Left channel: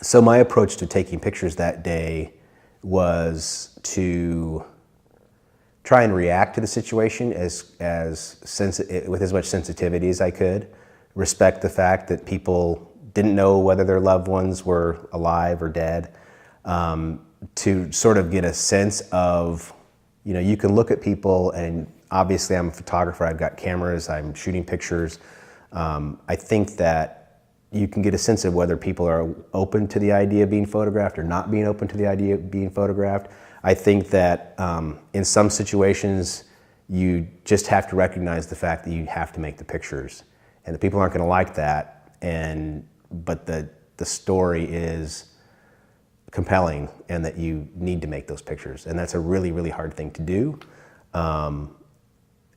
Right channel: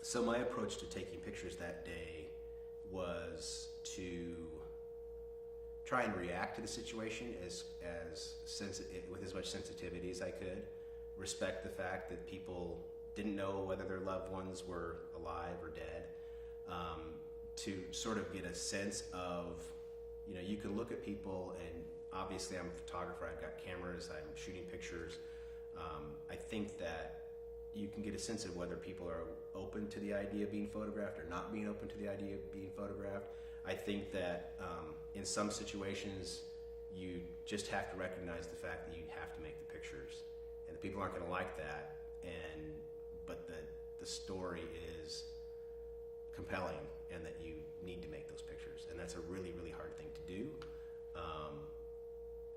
So my approach to taking pictures that day was to try and react to the situation with as much sensitivity as I could, respect the fact that people didn't know whether their loved ones were alive or dead, to sort of get a sense of, you can look at people, and obviously I'm a photographer, I've got cameras, I'm shooting pictures. I think that you can get a sense of whether people are open to the idea of being photographed or not being open to the idea of being photographed. I think that in some situations, you just have to recognize the fact that you have to make the pictures, and the people aren't going to like that. But the story is compelling, and that you need to make those pictures, and that's a really, really hard thing to do.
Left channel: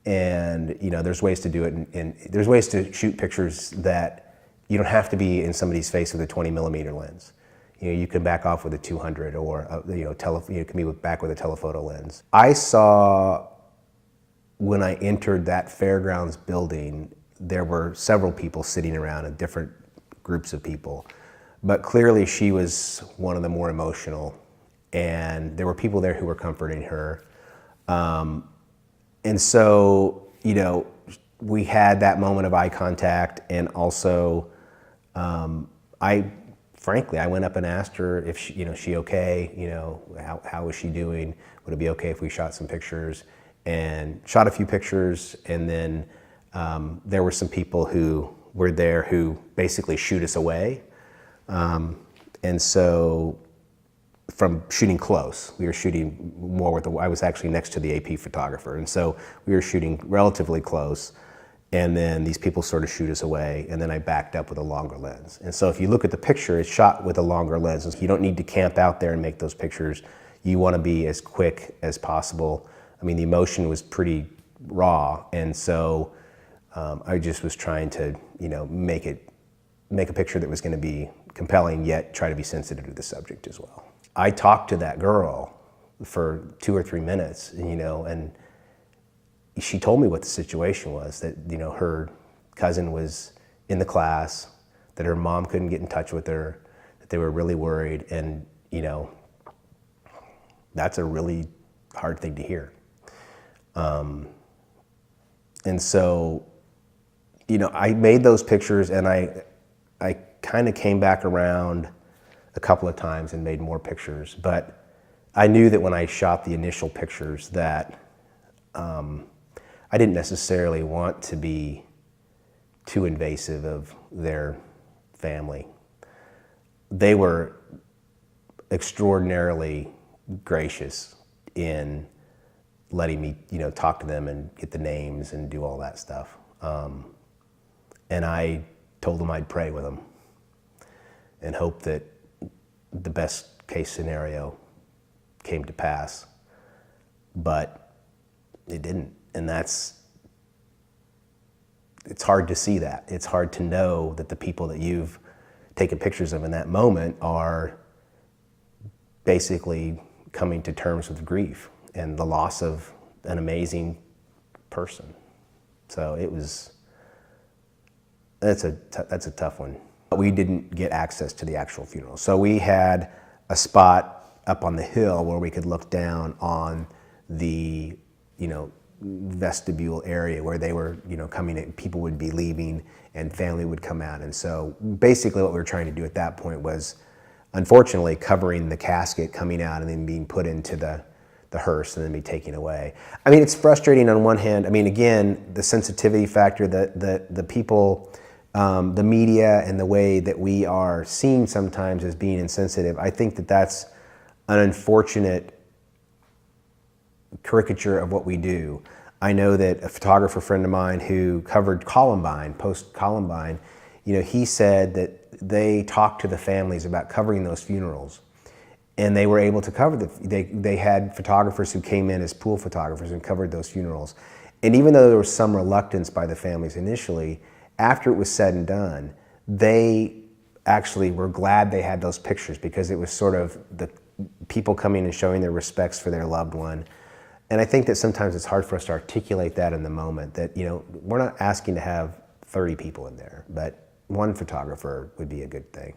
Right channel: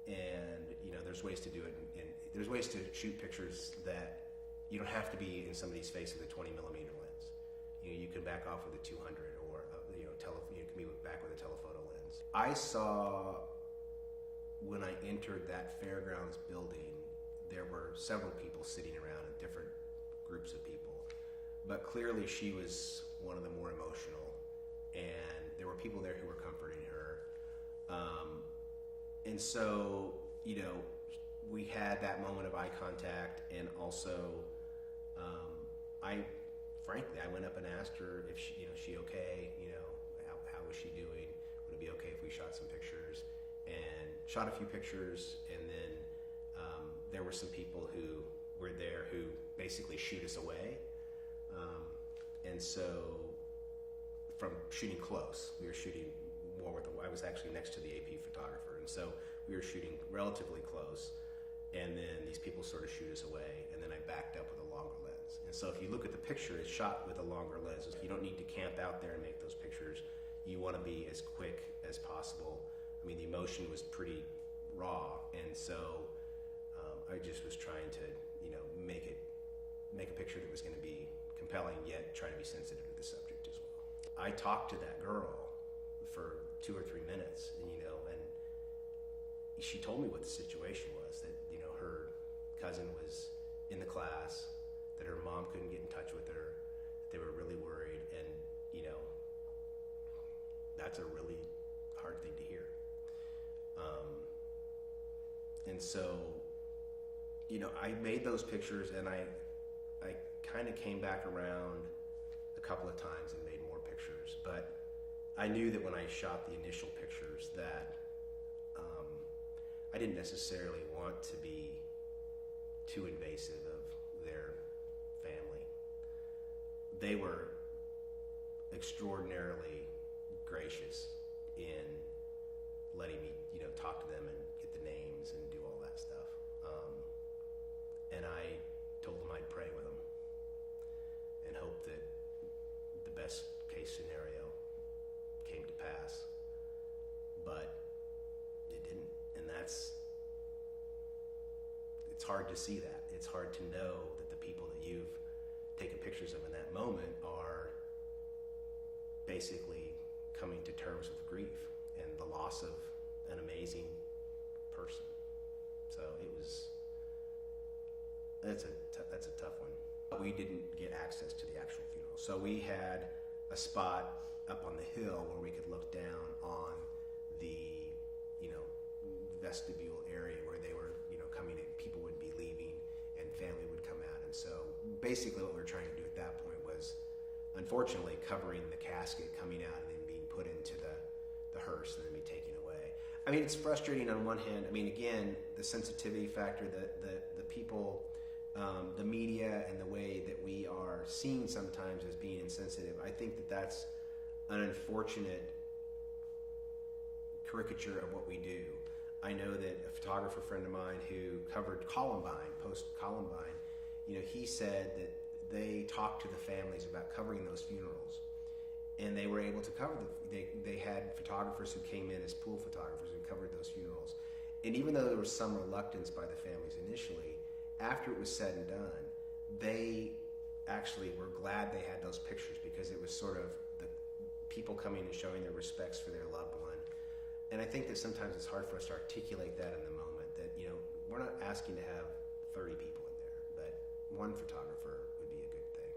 And there's ways to do it, and there's ways to shoot pictures that you don't have to be in somebody's face with a 20mm lens. You can back off with a 200, or you can be back with a telephoto lens. I saw, when I entered that fairgrounds building, there were several people sitting around, and different groups of people, but clearly she was one of the more emotional, and there were people there who were comforting her. And so, we had that moment of eye contact, and also, I went up and asked her if she okay, how was she doing? Would it be okay if we shot some pictures? And shot a few pictures, and then there were some people who were there who basically shoot us away. And so, from shooting close, we were shooting more I was actually next to the AP photographer, and so we were shooting relatively close. And then these people sort of shoot us away, and then I backed up with a longer lens. And so if you look at the picture, it's shot with a longer lens. You don't need to camp out there and make those pictures. You want to be as quick as possible. I mean, the emotion was pretty raw, and so I just was trying to, make a picture that was going to be compelling, yet try to be sensitive to the subject as well. I talked to that girl for 2 or 3 minutes, and she told me what the situation was, that her cousin was in the class, that her mom couldn't get in touch with her, that they were really worried, and that's a really hard thing to hear. And so, I made those pictures, and I kind of came back around a couple of times and made more pictures, but I knew that when I shot the initial pictures that I didn't necessarily want to be too invasive of their family. They were extraordinarily gracious in letting me, talk to them and get the names and do all that stuff. And I told them I'd pray with them and hope that the best case scenario came to pass, but it didn't. And it's hard to see that. It's hard to know that the people that you've taken pictures of in that moment are basically coming to terms with grief and the loss of an amazing person. So that's a tough one. We didn't get access to the actual funeral. So we had a spot up on the hill where we could look down on the, vestibule area where they were, coming in, people would be leaving and family would come out. And so basically what we were trying to do at that point was, unfortunately, covering the casket coming out and then being put into the hearse and then be taken away. I mean, it's frustrating on one hand. I mean, again, the sensitivity factor, the people, the media and the way that we are seen sometimes as being insensitive, I think that that's an unfortunate caricature of what we do. I know that a photographer friend of mine who covered Columbine, post-Columbine, he said that they talked to the families about covering those funerals, and they were able to cover they had photographers who came in as pool photographers and covered those funerals. And even though there was some reluctance by the families initially, after it was said and done, they actually were glad they had those pictures, because it was sort of the people coming and showing their respects for their loved one. And I think that sometimes it's hard for us to articulate that in the moment, that, we're not asking to have 30 people in there, but one photographer would be a good thing.